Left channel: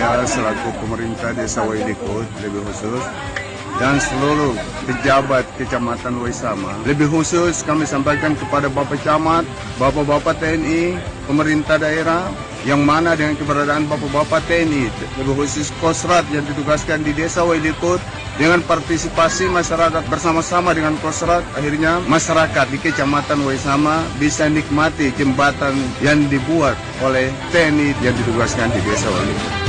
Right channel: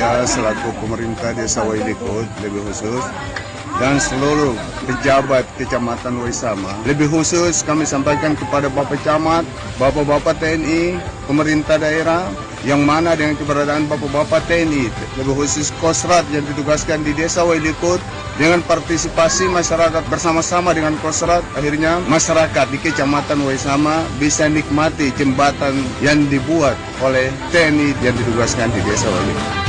saya selaku pemerintah Desa Wailikut, lebih khusus, dan seluruh pejabat Kecamatan Waisama. Lebih khusus kami sampaikan kepada Bapak Camat, Bapak-Bapak TNI, pemerintah daerah, yang mana dengan keberadaan Bapak-Bapak TNI, lebih khusus Kosrat yang ditugaskan di Desa Wailikut, dengan partisipasi masyarakat bersama-sama dengan Kosrat, akhirnya masyarakat di Kecamatan Waisama bisa nikmati jembatan yang dibuat oleh TNI yang ditugaskan di Desa Wailikut.